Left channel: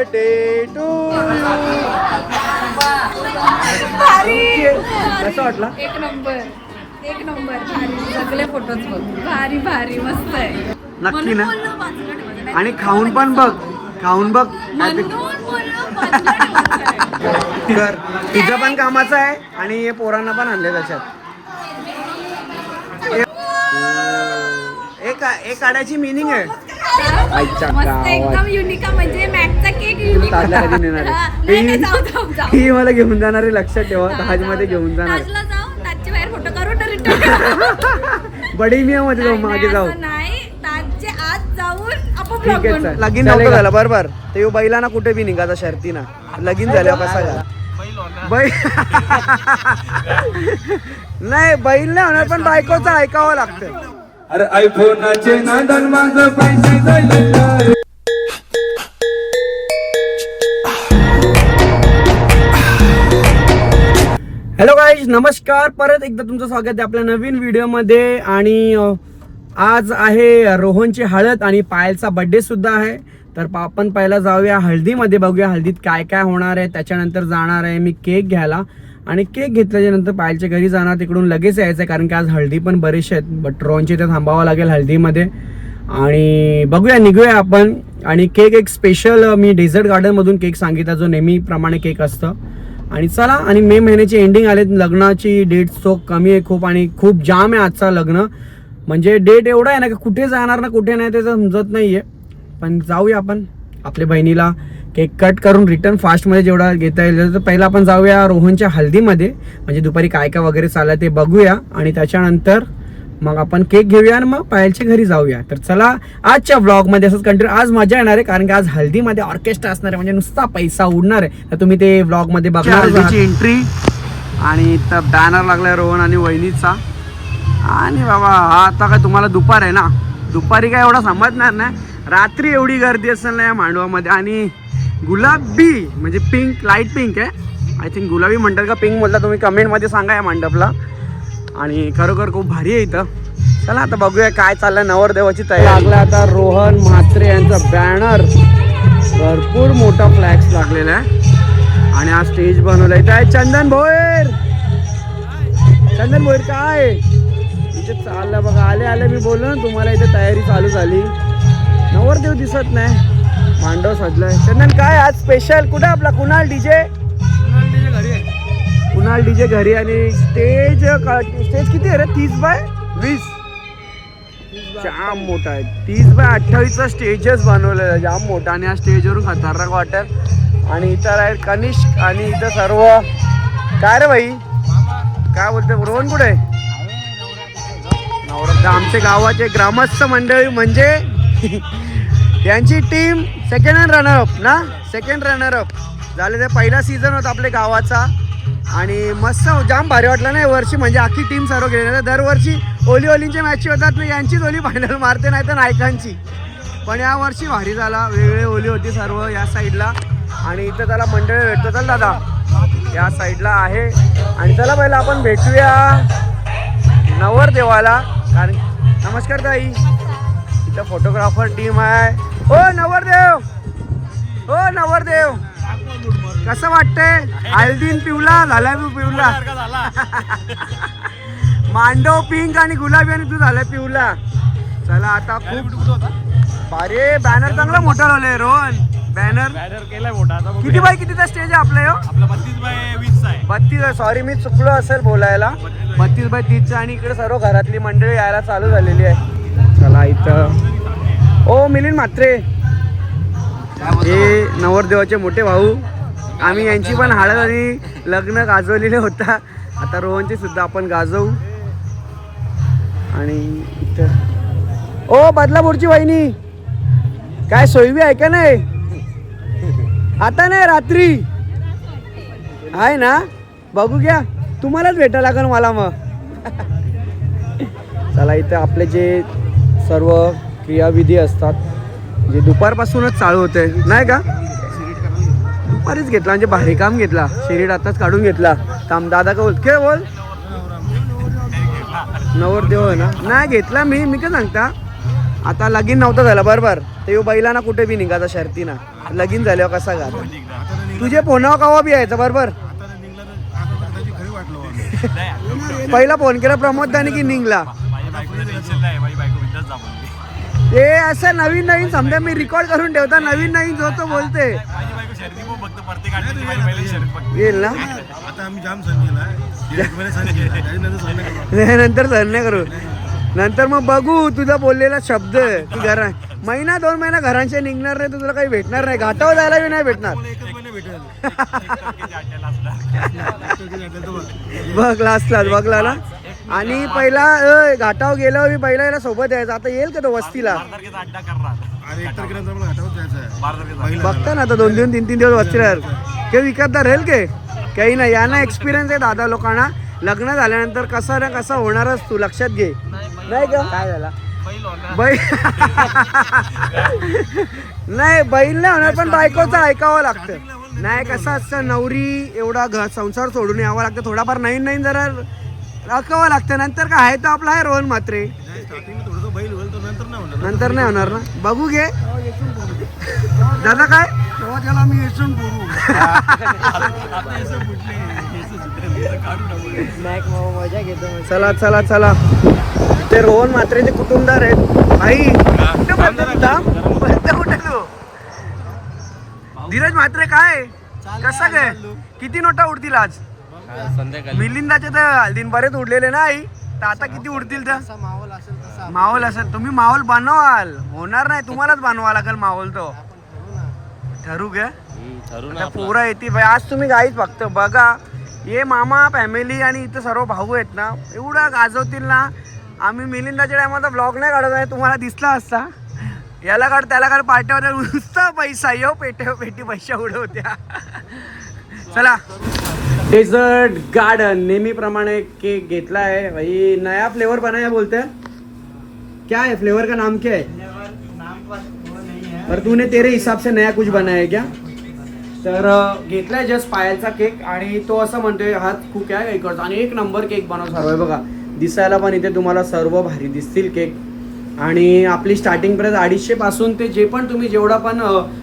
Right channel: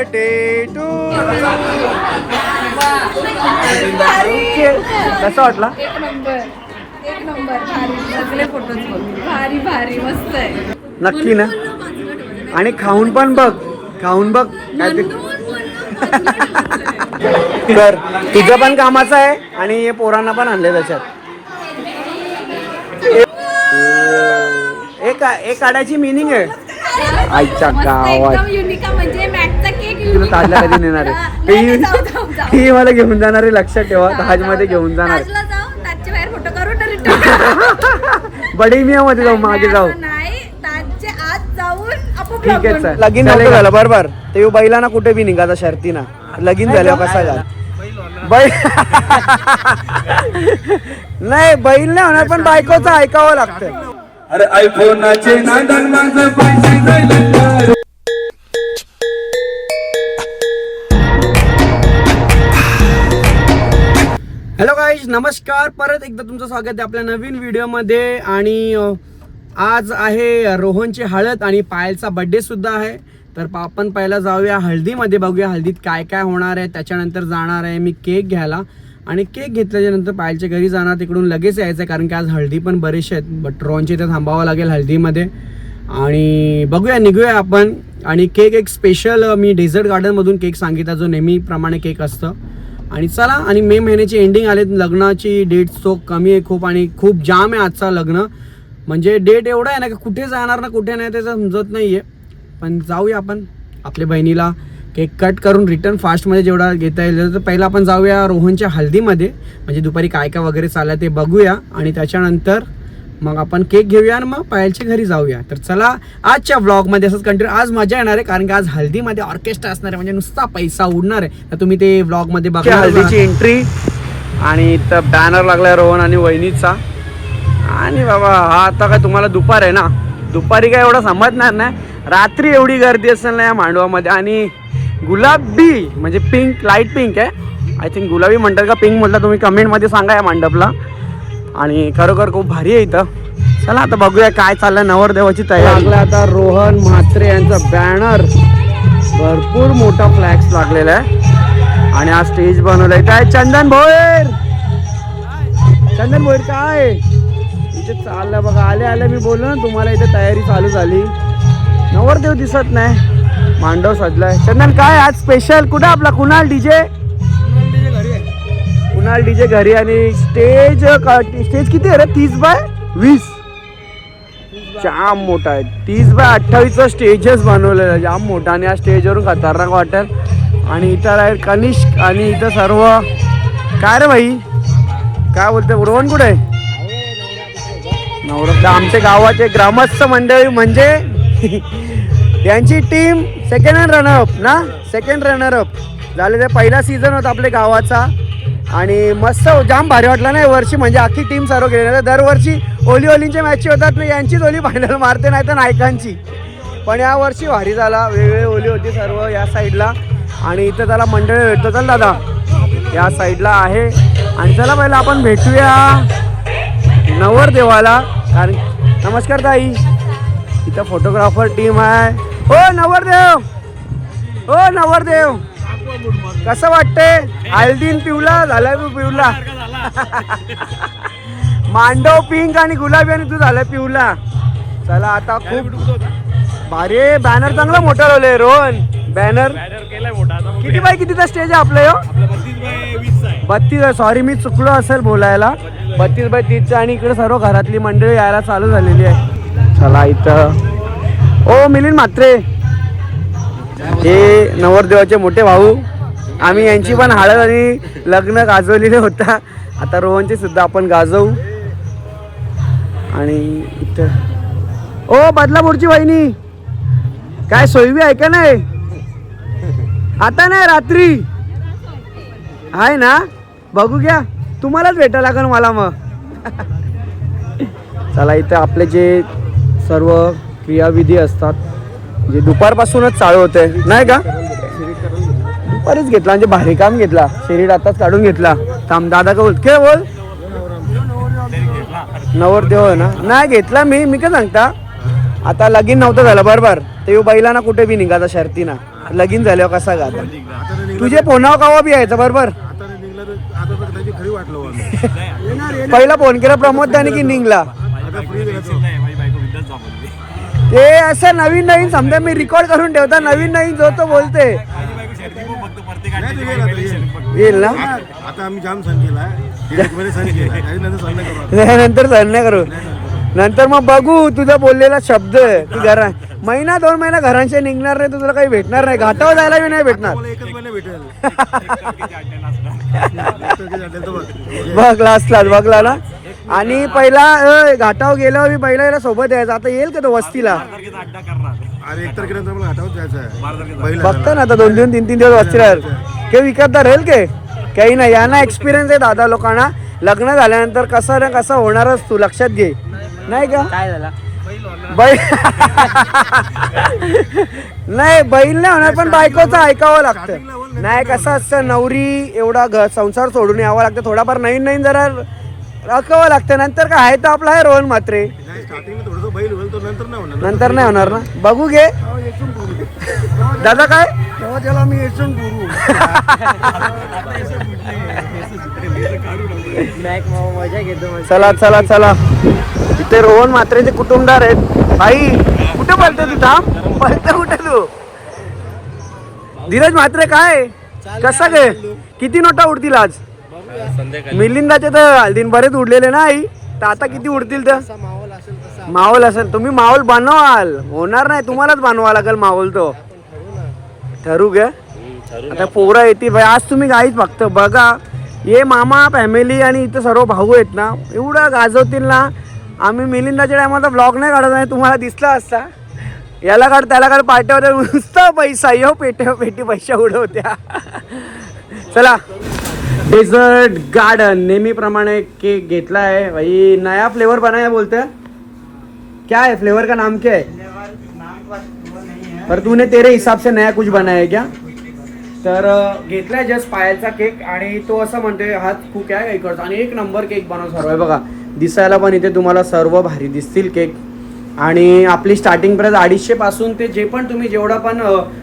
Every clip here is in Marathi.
बर्थडे टू भारी. कसं वाटला? एक नंबर. एक नंबर. भारी. सगळे फोटोज बघ. भारी भारी. मस्त आहे. नक्की ना. आणि खाऊन पण बघ. खाऊन बघ. काय ते. कर तुझं पण कामाचं आहे आणि हे पोरांना पण आणले त्याच्यात. एक एक काढायची मिनिंग आहे. आईच्या मस्त गावात. एकदम युनिक म्हणजे तुला युनिक ताजला कधी नेणार आहे? ही मला घेऊन जाणार आहे लक्षात ठेवा. ताजमध्ये. घेऊन जाणार ताजला जाऊ ताजच्या बाहेर फोटो करू तर रिटर्न बडे मिया मध्ये जाऊ मागे जाऊ. नाही. ताजचे आज जाऊन आपण ठीक vlog आहे बनवू. चल. लगीन नव्हतं झालं बरोबर. ते बैलाना कुठे बी निघाचा शर्तीना. लगीन झाल्यावर कसा घाल बैल नाही बैल नाही होणार पण बायकोचं ऐकावं लागतं. अरे आयफोनाचे नांदन माझं पैसे जायले हॅलो नमस्कार परत एकदा तुमचं स्वागत आहे आपल्या नवीन व्हिडिओमध्ये आणि आज आहे रोहनची हळद आणि पायलचा बड्डे सुद्धा आहे. तर आपण पहिला जाऊया हळदीमध्ये बघूया हळदीत काय काय होणार आहे त्याच्यानंतर जाणार आहे मी केक घ्यायला. आणि केक घेतल्याच्या नंतर पायलच्या घरी जाणार तिकडून लगेच यायचं आहे कारण की आज हळदी पण बरेचसे आहेत. बट रोहनची इथे थांबावं लागेल हळदीमध्ये. आणि बघूया निघूया आपण. आणि केक एक स्पेशल मी डेझर्ट गार्डनमधून केक सांगितला जो नेहमीप्रमाणे केक असतं. आणि चला आणि मे महिन्याची एंडिंग आले लग्नाची डेट सो कमी आहे खूप आणि खूप जाम आहे आजचा लग्न. म्हणजे डेट एवढा आहे ना की कुठे जाणार ना कुठे नाही ते समजत नाही आहे पण जाऊया आपण आपल्या बहिणीला केक कट करून रिटर्न फास्टमध्ये जेवढा घेता येईल तर पहिला आपण जाऊया रोहनच्या हल्दीमध्ये. म्हणजे दुपारी काय काय वगैरे चाललं ते बघूया. आणि त्याच्यानंतर मग आपण केक घेऊया आणि मग पायलच्या घरी जाऊया. तर चला आजच्या व्लॉगमध्ये असंच कंटिन्यू आज मजा येणार आहे कारण की आज हल्दीमध्ये ऑर्केस्ट्रा असणार आहे म्हणजे नुसता पैसा उडणार आहे. तर तुम्ही ते व्लॉगमध्ये बघा हल्दीची एंट्री आणि इथं बॅनर लागलाय रोहन आणि वहिनीचा. आणि बाबा हा आता काय तुम्हाला दुपार आहे ना? दुपारी काय एवढं समजणार नाही. रात्री एवढी गर्दी असेल ना या मांडवामध्ये. आणि गुलाबी म्हणजे पिंक लाइट पिंक आहे. आय थिंक गुलाबी म्हणतात का पिंक म्हटलं तुम्ही कमेंटमध्ये सांगा या मंडपला. आणि खरोखर खूप भारी आहे इथं. चला आता बघूया काय चाललंय नवरदेवाची तयारी. लागला आता रोहन म्हात्रे यांचा बॅनर भरपूर मोठा फ्लॅक्स लागलेला आहे. आणि हा स्टेज बनवलाय. इथं आहे चंदन भोयर चंदन भोयर काय? इथे चाललं बघा. आले आले मी बोललो ना तुम्हाला इथे तयारी चालू झाली. नवरदेव दिसत नाही. मांडव सजलाय. चंदन काय आज स्पेशल कुठं आपला कुणाल डीजे कुणाल डीजे घरी आणि स्टेज स्टेज किती आहे रे? तीस बाय वीस. जाम मोठा आहे. तीस बाय अठ्ठावीसचा स्टेजच बनवलेला आहे. जाम मोठा आणि या स्टेजवरून खतरनाक वाटेल. आणि इथं आहे कनिष्क आणि इथं सर्व. काय रे भाई? काय बोलते रोहन कुठे आहे? नवरत्न आमच्या गावाचे ग्रामस्थ मंडळी म्हणजे यांची team second hand runner up ना? सेकंड रनरअप झाले ते पहिला सीझन होता आपल्या गावाचा. आणि मस्त जाम भारी वाटलं ना वर्षी म्हणजे अख्खी टीम सर्व गेलेली. दरवर्षी ओली ओलींच्या मॅची होतात ना यांचीच ओली फायनल मारते नाही तर नायकांची. पण या वर्षी भारी झाला. वेगळे ओली होती सर्व या साईडला आणि इथं त्याला मंडळ भेटतो. चल दादा. या साईडला आहे. आणि चला पहिला आपण भेटूया नवरदेवाला. कारण नमस्कार ताई. इथं फोटोग्राफर टीम आहे. हो नवरदेव! हो नवरदेव! कसं वाटतंय? हल्दीन पिवला झालाय तू पिवला. मांडव पिंक आणि गुलाबी आणि तू झालाय पिवला. चला आता खूप अरे बॅनर चांगला मोठा लावलंय रोहन. बॅनर किती बाय कितीचा स्टेज आहे आपलं ह्यो? बत्तीस सॉरी मी चुकलो असेल बोलायला. बत्तीस बाय तीसचं आणि इकडे सर्व घरातली मंडळी यायला चालू झालेली आहे. चला इथं. ओ मिलिंद म्हात्रे. हे नवरदेवाचे मोठे भाऊ. आम्ही यांची पण हळद आणि लग्न गाजवलेले होता. आता रोहनची सुद्धा आपण गाजवू. आणि इथं. ओ बदलापूरची वहिनी. काय सोयवी आहे का नाही? आता नाही रात्री. आहे ना? बघू घ्या. तुम्हालाच भेटा लागेल मला मग. चला इथं आपले जे सर्व क्रियाविधी असतात जे दुपारपासूनच चालू होते नाही का? दुपारीच घेतला म्हणजे भारी काम घेतला. शरीर आताच काढून घेतला. थांब दादा का बोल? काय बोल? नवरदेव आहे ना? नाही घेतला मी. मी काय सांगता? आता लगीन नव्हतं झालं बरोबर. ते बैलांना कुठे बी निघाचा शर्तीना. लगीन झाल्यावर कसा गा तुझे पोनाव कावा बी यायचं बरोबर. पहिला फोन केला प्रमोद दाने की निघला? ते असं नवीन नवीन समजा मी रेकॉर्ड करून ठेवता नवीन नवीन जो तो बोलते. येईल ना? आता आम्ही जाम सण केला. नंतर सण नाही करू. नंतर मग बघू तुझा बोललेला शब्द की घरा महिना दोन महिना घरांचे निघणार नाही तुला काही भेटणार नाही. घाटावर जायला बी नाही भेटणार. बघ. बघ लास्टला बघला ना आणि पहिला अं, घाटावर गेल्यावर मी पहिला याला सोबत यायचा. आता येईल का तो वस्तीला? आज एक तारखेनंतर मला घाटावर जायचं आहे. पहिला बघता ना आता दोन दोन तीन तीन दिवस वस्तीला राहील. के विकत राहील के? काही नाही. यांना एक्सपिरियन्स आहे दादा लोकांना. लग्न झाल्यानंतर कसं ना कसं होणारच तू. लक्षात घे. नाही का? बैल नाही बैल नाही होणार पण बायकोचं ऐकावं लागतं. नाही कसं असतं नवरी एवढा घर संसार सोडून यावं लागतं. थोडाफार नवीन नवीन जरा राखावं लागतं. नंतर काय? आहे तर आपला आहे रोहन मात्रे स्टार्टिंगला थोडंसं बैल होईल तो नंतर नाही होणार. नंतर नाही होणार ना? बघू घे. दादा काय? तेव्हा त्याला मी येसून करू चला चला चला. ते रोहन मात्रेचे कुटुंबदार आहेत. भाई कुठे पडते तू थांब. पडते कुठे तू? धीरज म्हात्रे काय? कसा काय किती नोटा उडतील आज? मिलिंदाचे तर दिन बरेच उडलेले ना आई. तर आता किती उडतील तर? माहोल असेल तुम्ही माहोल बनवाल. होणार नाही. तुम्हालाच बनवा लागेल माहोल तो. ठरू ग. आता पोरं येते भाई आज तुम्ही काहीच फक्त बघा. ये मामा फॅमिली आणि इथं सर्व भाऊ आहेत ना. एवढं गाजवतील ना. आम्ही मिलिंदाच्या टायमाचा ब्लॉग नाही काढत नाही. तुम्हाला दिसला असता. याला काढ त्याला काढ. पाट्यावर नुसता पैसा. यो पेट्या पेटी पैसा उडवत्या. चला. डेझर्ट गार्डन नेहमीप्रमाणे केक घेतला है भाई नया फ्लेवर बनाया बोलते. हैं क्या है? फ्लेवर का नाम क्या है? पर तूने तेरे हिसाब से नया कुछ बनाया क्या? तर घेतलाय जस्ट पायाचा केक आणि तो असं म्हणतोय हात खूप आहे एक आणि एक नंबर केक बनव सर्व आहे. बघा दिसायला पण इथे तुम्हाला सर्व भारी दिसतील केक. आणि आपली स्टार्टिंग प्राइस अडीचशे पासून ते जे पण तुम्ही जेवढा पण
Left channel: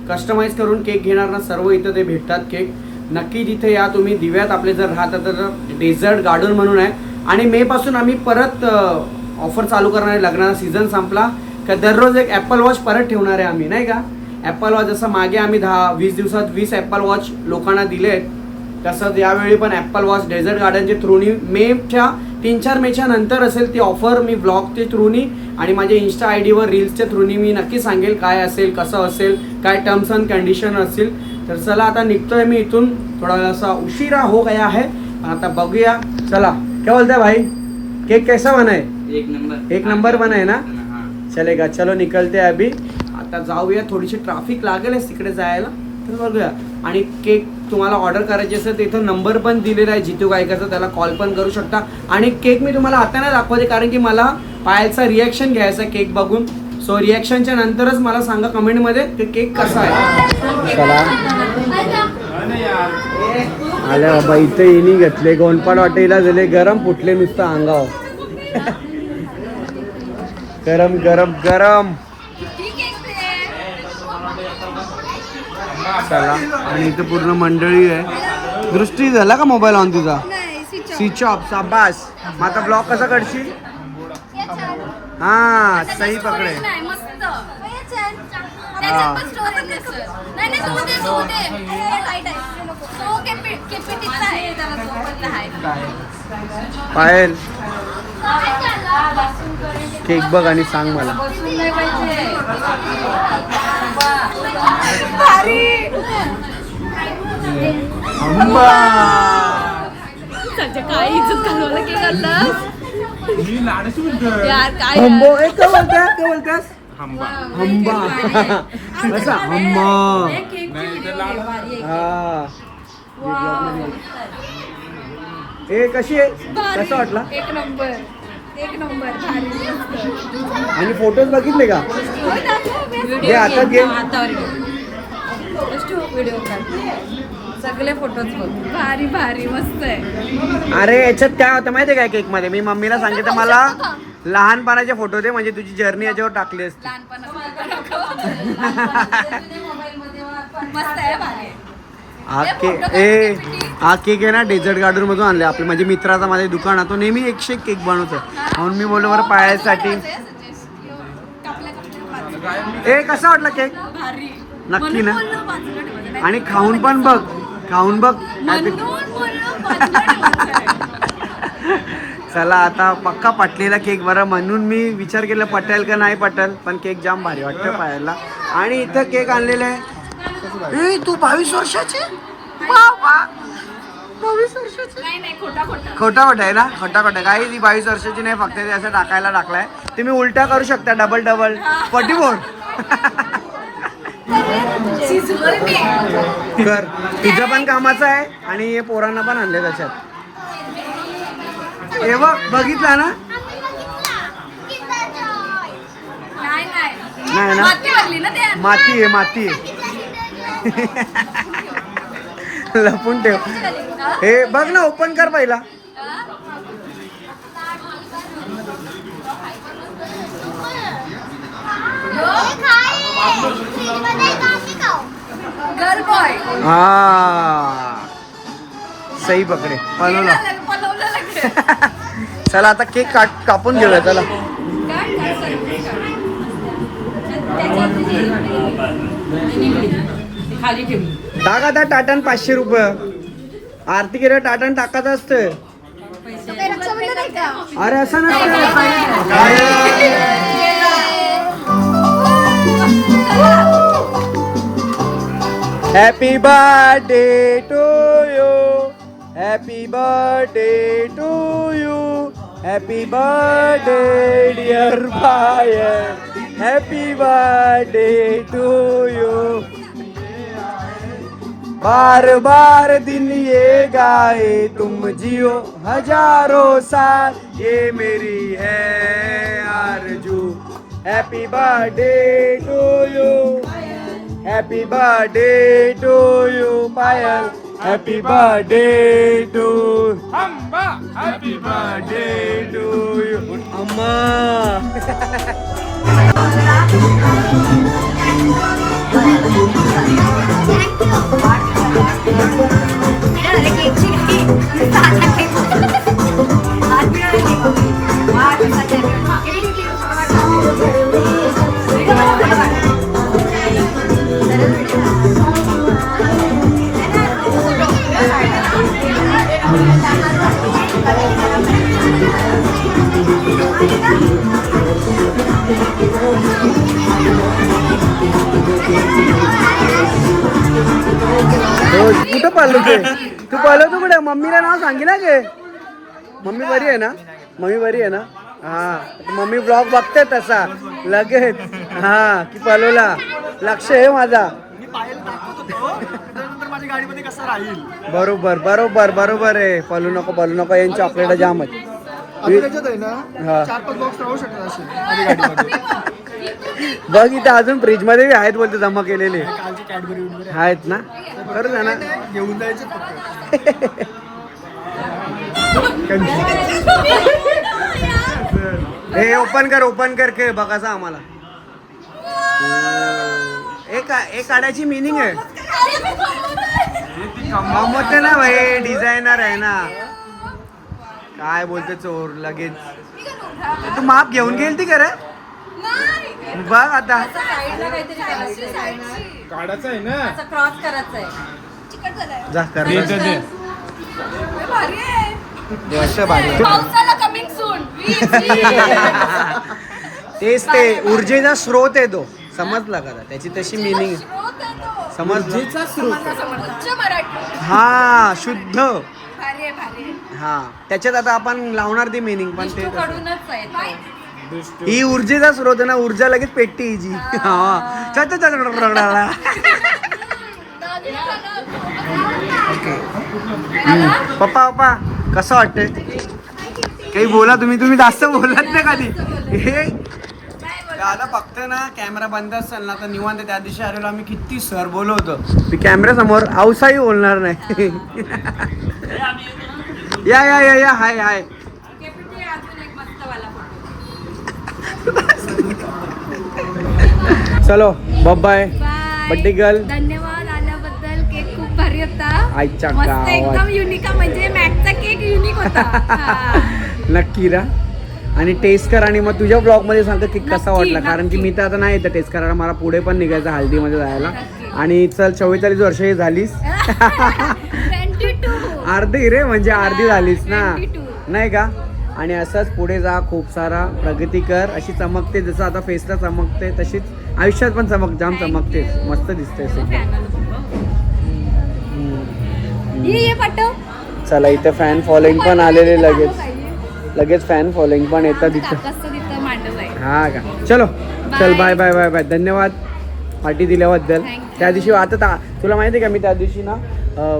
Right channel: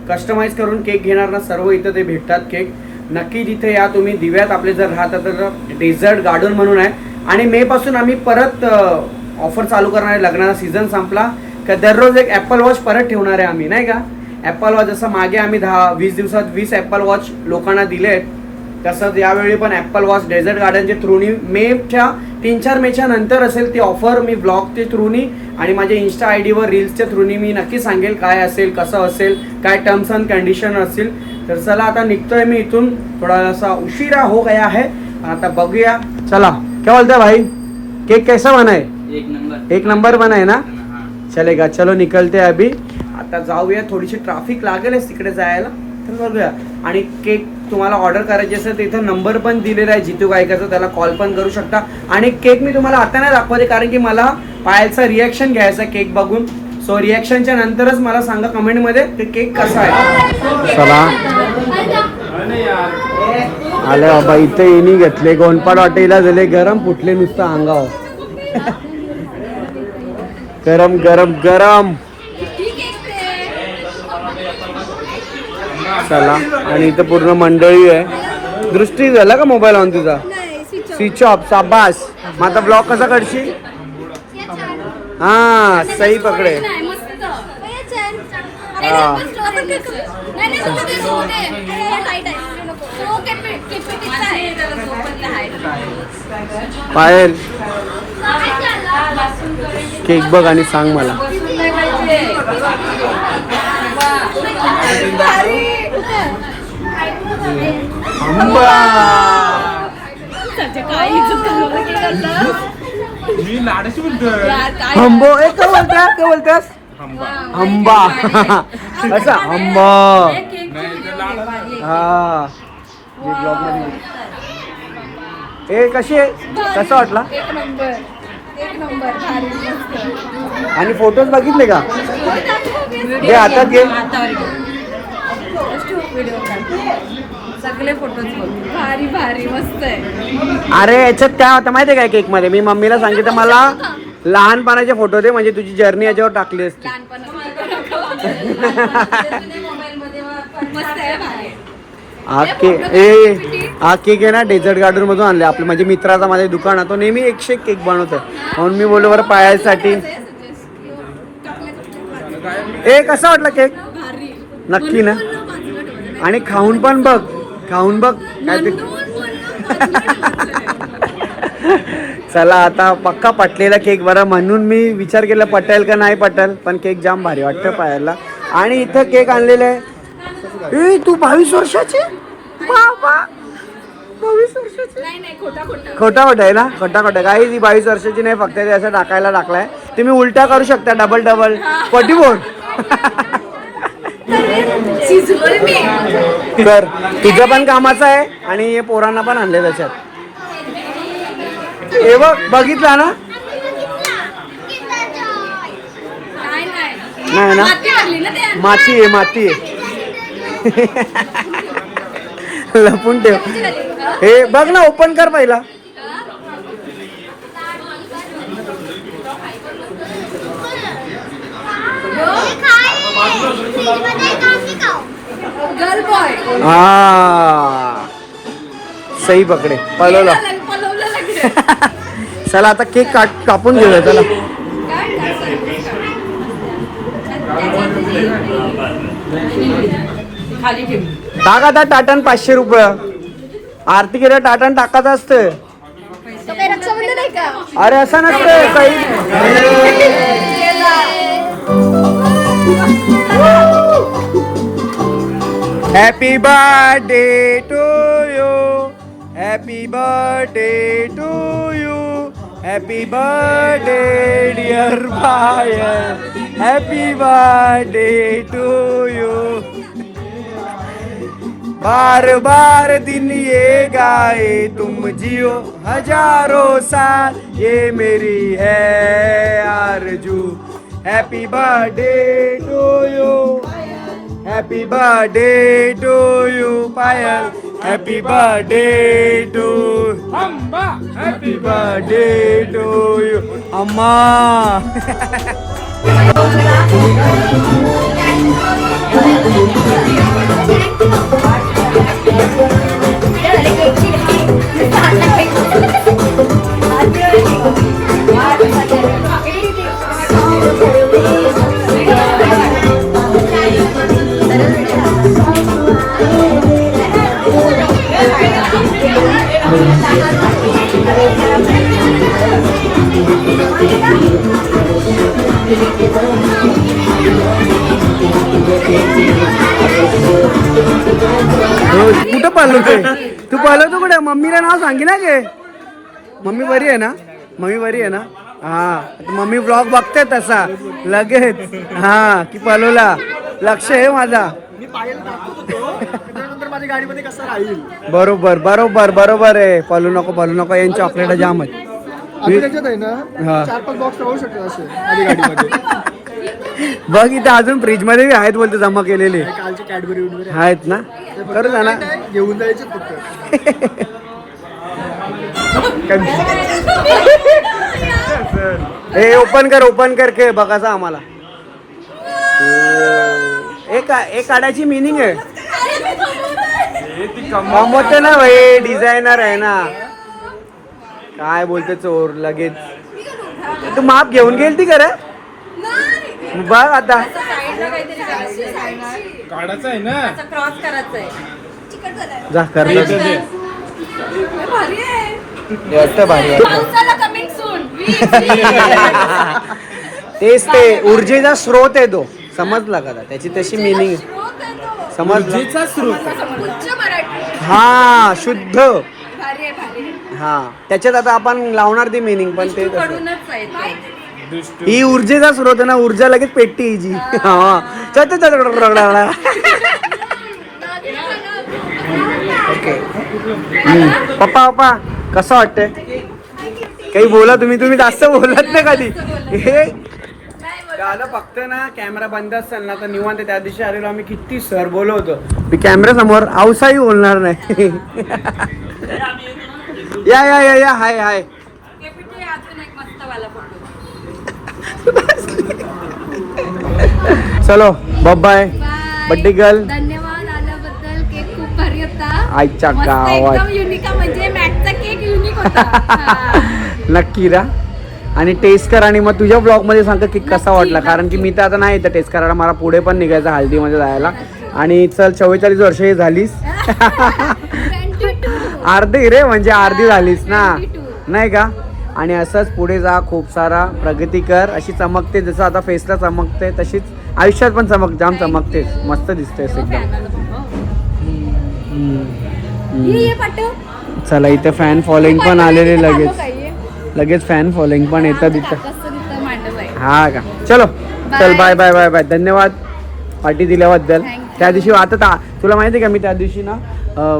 कस्टमाइज करून केक घेणार ना सर्व इथं ते भेटतात केक. नक्की तिथे या तुम्ही दिव्यात आपले जर राहता तर डेझर्ट गार्डन म्हणून आहे. आणि मे पासून आम्ही परत ऑफर चालू करणार आहे. लग्नाचा सीझन संपला. का दररोज एक ॲपल वॉच परत ठेवणार आहे आम्ही नाही का? ॲपल वॉच जसं मागे आम्ही दहा वीस दिवसात वीस ॲपल वॉच लोकांना दिले. आहेत तसंच यावेळी पण ॲपल वॉच डेझर्ट गार्डनचे थ्रूनी मेच्या तीन चार मेच्या नंतर असेल ती ऑफर मी ब्लॉगचे थ्रूनी आणि माझ्या इन्स्टा आय डीवर रील्सच्या थ्रूनी मी नक्की सांगेल काय असेल कसं असेल काय टर्म्स अँड कंडिशन असतील. तर चला आता निघतोय मी इथून. थोडासा उशिरा हो गया है. आता बघूया. चला. क्या बोलते भाई? केक कैसा बना है? एक नंबर. एक नंबर बना है ना? चलेगा चलो निकलते अभी. आता जाऊया थोडीशी ट्रॅफिक लागेलच तिकडे जायला. तर बघूया. आणि केक तुम्हाला ऑर्डर करायची असेल तर इथं नंबर पण दिलेला आहे जितू गायकाचा त्याला कॉल पण करू शकता. आणि केक मी तुम्हाला आता नाही दाखवते कारण की मला पायलचा रिॲक्शन घ्यायचा केक बघून. सो रिॲक्शनच्या नंतरच मला सांगा कमेंटमध्ये ते केक कसा आहे. आले बाबा इथं येणी घेतले. गोंडपाड हॉटेलला झाले गरम फुटले नुसतं अंगावर. गरम गरम गरम. चला. आणि इथं पूर्ण मंडळी आहे. दृष्टी झाला का मोबाईल ऑन तुझा? स्विच ऑफ साबास मग आता ब्लॉक कसा काढशील? हा सही पकडे पायल केक बघ आणि सांग मला. आंबा. काय इज्जत घालवलं की करतात यार काय आंबो ए, काय बोलतास काय बोलतास आंबा कसा आंबा हा ए कशी आहे? कसं वाटला? एक नंबर. एक नंबर भारी मस्त. आणि फोटोज बघितले का? घे हातात घे. व्हिडिओ सगळे फोटोज बघ भारी भारी मस्त आहे. अरे याच्यात काय होतं माहितीये काय केकमध्ये मी मम्मीला सांगितलं मला लहानपणाचे फोटो दे म्हणजे तुझी जर्नी याच्यावर टाकली असते. ए हा केक आहे ना डेझर्ट गार्डन मधून आणले. आपले म्हणजे मित्राचा माझ्या दुकान आहे तो नेहमी एकशे एक केक बनवतो. म्हणून मी बोललो बरं पायासाठी. ए कसा वाटला केक? नक्की ना म्हणून बोललो बाजूला ठेवायचं. आणि खाऊन पण बघ खाऊन बघ. काय ते. चला आता पक्का पटलेला केक बरा. म्हणून मी विचार केला पटेल का नाही पटेल पण केक जाम भारी वाटतं पायाला आणि इथं केक आणलेले आहे. ए तू बावीस वर्षाची? बाबा! बावीस वर्षाची? नाही नाही खोटा खोटा. आहे ना? खोटा खोटा. काही ती बावीस वर्षाची नाही फक्त ते असं टाकायला टाकलाय. तुम्ही उलटा करू शकता डबल डबल पटी बोल शिजवलं मी तर तुझं पण कामाचं आहे आणि हे पोरांना पण आणले त्याच्यात. हे बघ बघितला ना? नाही ना? माती माती आहे माती आहे. लपून ठेव. हे बघ ना ओपन कर पहिला. गर्ल बॉय हा. सही पकडे पळवला. पलवलं लागलं चला आता केक काट कापून घेऊया चला. टाक आता टाटन पाचशे रुपये. आरती केलं टाटन टाकायचं असतं. अरे असं नसतं काही happy birthday to you happy birthday to you happy birthday dear buyer happy birthday to you बार बार दिन ये गाए तुम जियो। हज़ारों साल ये मेरी है आरज़ू। Happy birthday to you happy birthday to you पाया happy birthday to happy birthday to you कुठं पालवतोय? तू पालवतो कुठे? मम्मीला नाव सांगितलं ना गे मम्मी बरी आहे ना? मम्मी बरी आहे ना? हा. मम्मी ब्लॉग बघते तसा. लगेच. हा. की पालवला लक्ष आहे माझा. मी पायाला दाखवत होतो. त्याच्यानंतर माझ्या गाडीमध्ये कसं राहील? बरोबर बरोबर बरोबर आहे. पळू नको पळू नको. यांची चॉकलेट जाम आहे. आम्ही त्याच्यात आहे हा. ना चार पाच बॉक्स राहू शकतात असे माझ्या गाडीमध्ये. बघ इथं अजून फ्रीजमध्ये बी आहेत बोलते जमा केलेले. कालचे कॅडबरी वगैरे आहेत. ना? करू का ना घेऊन जायचे फक्त. हे ओपन कर ओपन कर के बघायचा आम्हाला. एक एक काढायची मिनिंग आहे. कमवते ना भाई डिझायनर आहे ना. काय बोलते चोर लगेच. तू माप घेऊन गेल ती करा बघ आता. साईडला काहीतरी काढायचं आहे ना. क्रॉस करायचं आहे चिकट झालंय जा कर भारी. पावसाला कमिंग सून तेच ते ऊर्जेचा स्रोत आहे तो. समजला का? त्याची तशी मिनिंग समज हा शुद्ध. हा. त्याच्यात आता आपण लावणार ती मिनिंग पण ते. ही ऊर्जेचा स्रोत आहे ना ऊर्जा लगेच पेटते हिची हा. चल. ओके. पप्पा पप्पा. कसं वाटतंय? काही बोला तुम्ही तुम्ही जास्त बोलत नाही कधी. हे. दादा फक्त ना कॅमेरा बंद असेल ना तर निवांत त्या दिवशी आलेलो आम्ही. किती सर बोलवतो मी कॅमेरा समोर आवसाही बोलणार नाही. या या या या हाय हाय. केपीटी अजून एक मस्त वाला फोटो चलो बाय बाय बड्डे गर्ल धन्यवाद आईच्या मस्त गावात. एकदम युनिक म्हणजे मॅकचा केक युनिक होता. नक्की रा. आणि टेस्ट कर आणि मग तुझ्या ब्लॉगमध्ये सांग की कसा वाटला. कारण की. मी तर आता नाही येतं टेस्ट करायला. मला पुढे पण निघायचं हळदीमध्ये जायला. आणि चल चव्वेचाळीस वर्ष झालीस. 22. अर्धी रे म्हणजे अर्धी झालीस ना. 22. नाही का? आणि असंच पुढे जा खूप सारा प्रगती कर. अशी चमकते जसं आता फेसला चमकते तशीच आयुष्यात पण चमक जाम चमकतेस. मस्त दिसतेस चला इथे फॅन फॉलोइंग पण आलेले लगेच. लगेच फॅन फॉलोइंग पण येतं तिथं कसं तिथं मांडव आहे हा का चलो चल. बाय बाय बाय बाय धन्यवाद पार्टी दिल्याबद्दल. त्या दिवशी आता ता- तुला माहिती आहे का मी त्या दिवशी ना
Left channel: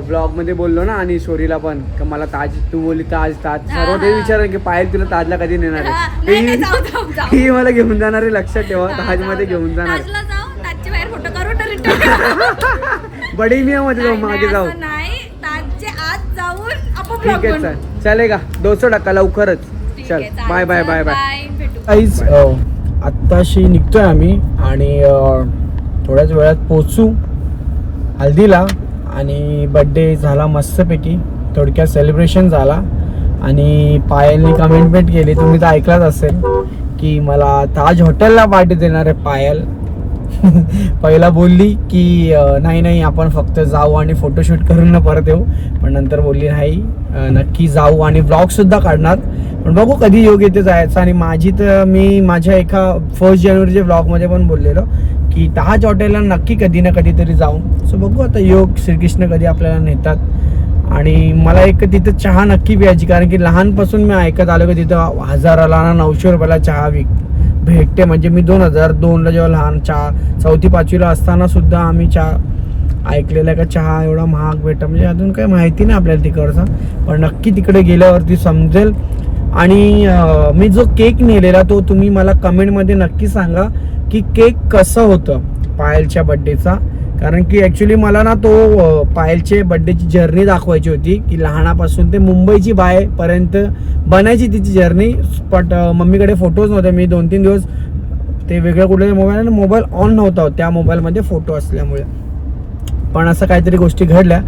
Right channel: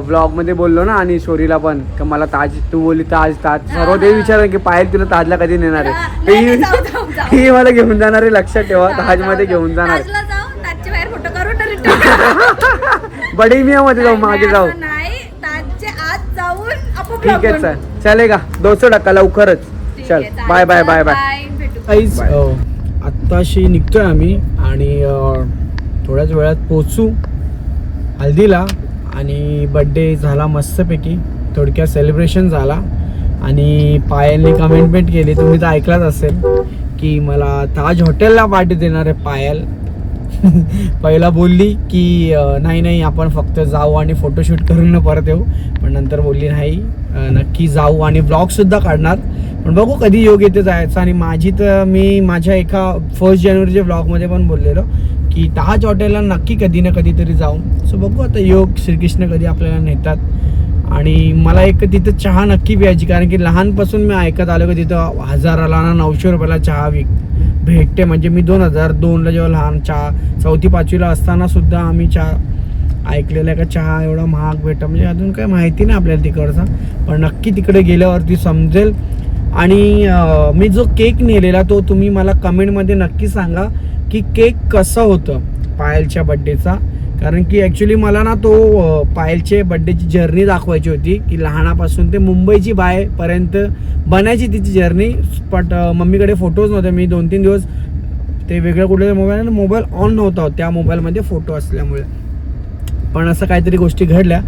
ब्लॉगमध्ये बोललो ना आणि शोरीला पण का मला ताज तू बोलली ताज ताज हा, सर्व ते हा. विचार की पायल तुला ताजला कधी नेणार हा, आहे. ती मला घेऊन जाणार आहे लक्षात ठेवा हा, ताजमध्ये. घेऊन जाणार बडी मिया मध्ये जाऊ मागे जाऊ जाऊन आपण ठीक आहे चल. बनवू. चालेल दोनशे टक्का लवकरच. चल. बाय बाय चल, बाय बाय काहीच आत्ताशी निघतोय आम्ही आणि थोड्याच वेळात पोचू हल्दीला आणि बड्डे झाला मस्तपैकी. थोडक्यात सेलिब्रेशन झाला आणि पायलनी कमेंटमेंट केली. तुम्ही तर ऐकलाच असेल की मला ताज हॉटेलला पार्टी देणार आहे पायल. पहिला बोलली की नाही नाही आपण फक्त जाऊ आणि फोटोशूट करून न परत येऊ. पण नंतर बोलली नाही नक्की जाऊ आणि ब्लॉग सुद्धा काढणार. पण बघू कधी योग येते जायचं आणि माझी तर मी माझ्या एका फर्स्ट जानेवारीच्या ब्लॉगमध्ये पण बोललेलो की ताज हॉटेलला नक्की कधी ना कधीतरी जाऊ सो बघू आता योग श्रीकृष्ण कधी आपल्याला नेतात. आणि मला एक तिथं चहा नक्की प्यायची कारण की लहानपासून मी ऐकत आलो की तिथं हजाराला ना नऊशे रुपयाला चहा विक भेटते. म्हणजे मी दोन हजार दोनला जेव्हा लहान चहा चौथी पाचवीला असताना सुद्धा आम्ही चहा ऐकलेला आहे का? चहा एवढा महाग भेटतं. म्हणजे अजून काही माहिती नाही आपल्याला तिकडचा. पण नक्की तिकडे गेल्यावरती समजेल. आणि मी जो केक नेलेला तो तुम्ही मला कमेंटमध्ये नक्की सांगा की केक कसं होतं पायलच्या बड्डेचा कारण की ॲक्च्युली मला ना तो पायलचे बड्डेची जर्नी दाखवायची होती की लहानापासून ते मुंबईची बायपर्यंत बनायची तिची जर्नी बट मम्मीकडे फोटोज नव्हते मी दोन तीन दिवस ते वेगळ्या कुठल्या मोबाईल आणि मोबाईल ऑन नव्हता त्या मोबाईलमध्ये फोटो असल्यामुळे. पण असं काहीतरी गोष्टी घडल्या.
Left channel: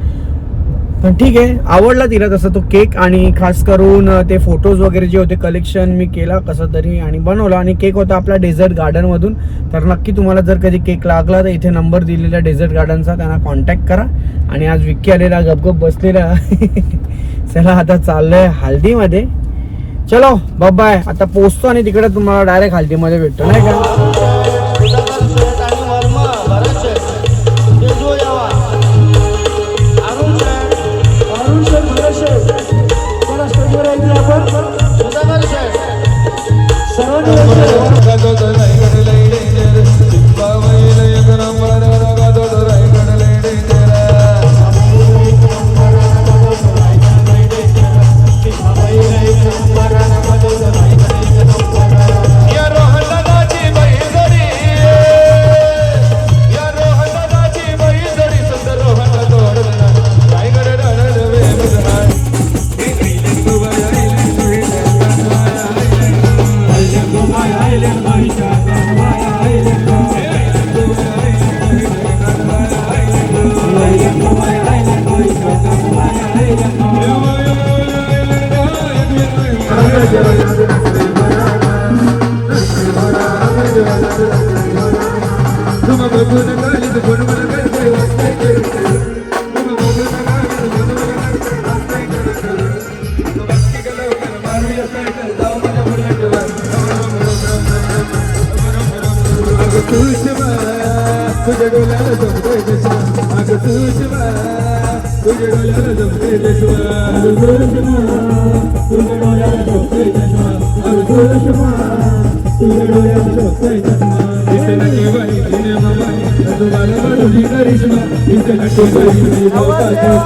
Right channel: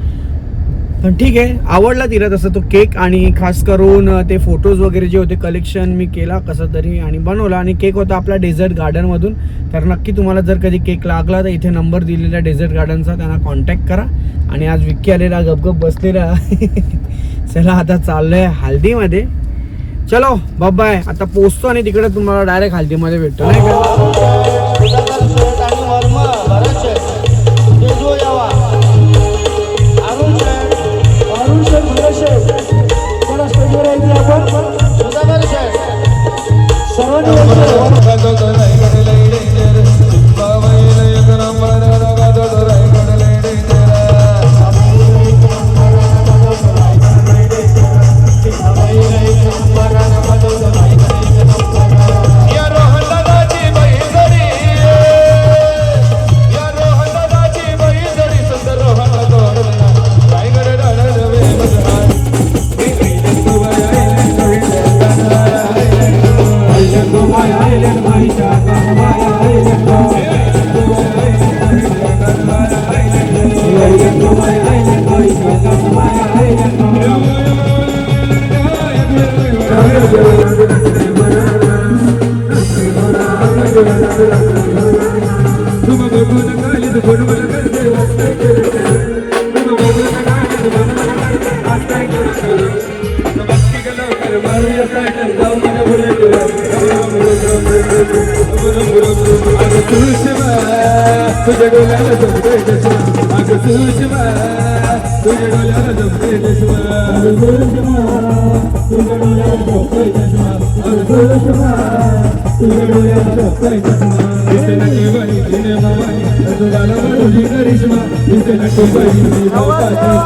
पण ठीक आहे आवडला तिला तसं तो केक आणि खास करून ते फोटोज वगैरे जे होते कलेक्शन मी केला कसं तरी आणि बनवला. आणि केक होता आपला डेझर्ट गार्डनमधून तर नक्की तुम्हाला जर कधी केक लागला तर इथे नंबर दिलेला डेझर्ट गार्डनचा त्यांना कॉन्टॅक्ट करा. आणि आज विक्की आलेला गपगप बसलेला चला आता चाललोय हल्दीमध्ये चलो बाय आता पोचतो आणि तिकडे तुम्हाला डायरेक्ट हल्दीमध्ये भेटतो नाही का?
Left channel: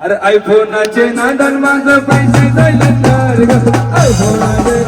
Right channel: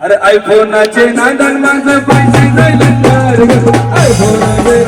अरे आयफोनाचे नांदन माझं पैसे नाही लागणार आयफोनाचे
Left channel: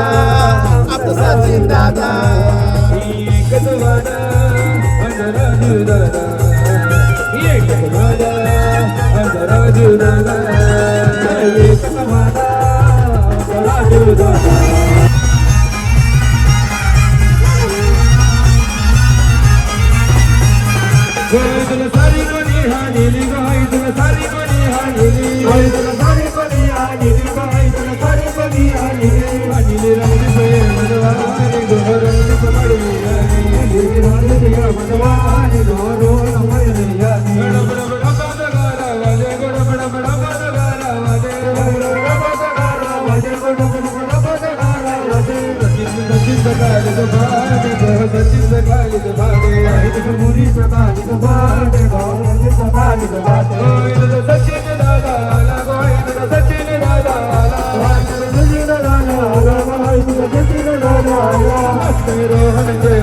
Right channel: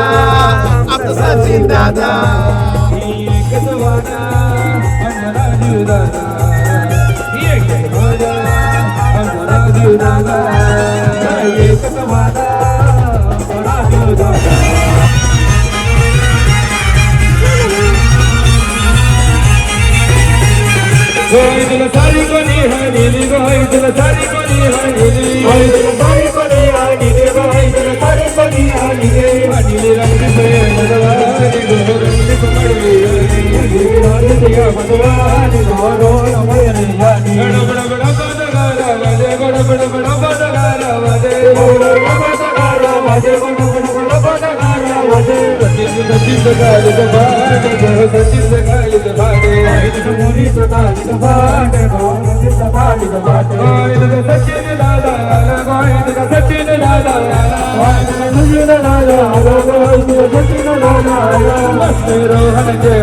दादा एकच वादा अनराजू दादा.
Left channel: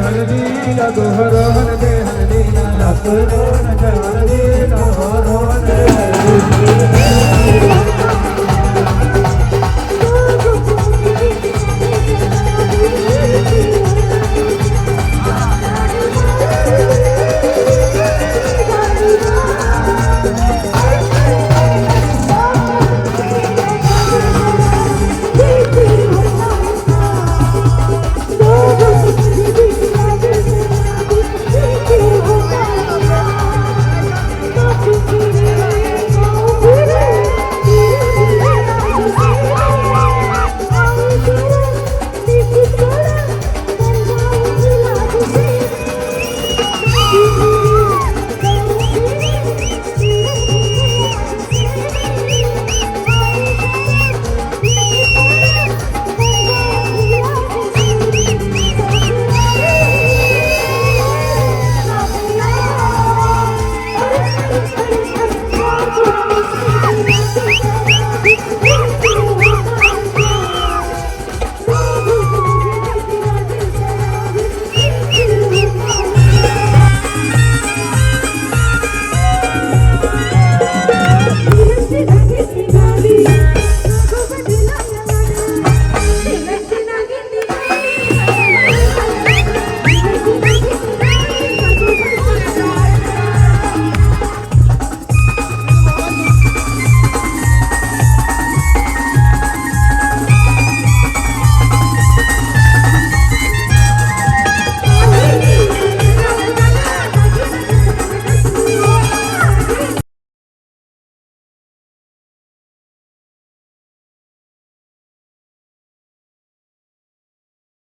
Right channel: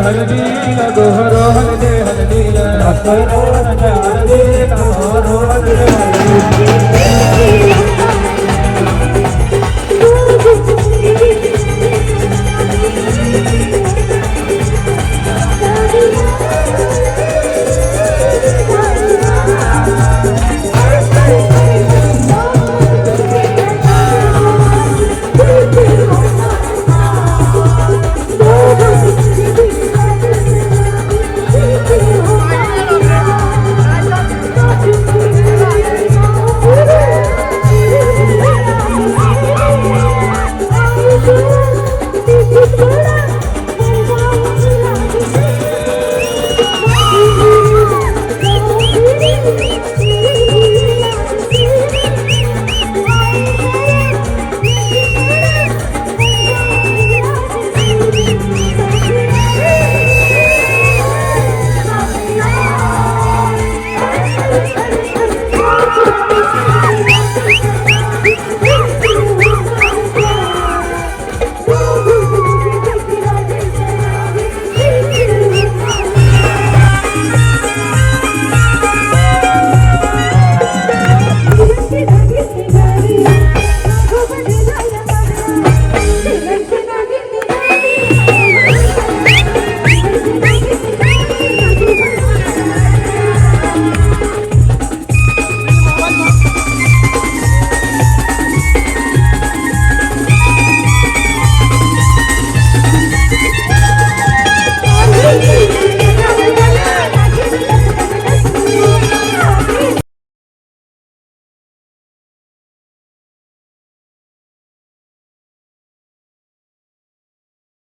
हरजी नगो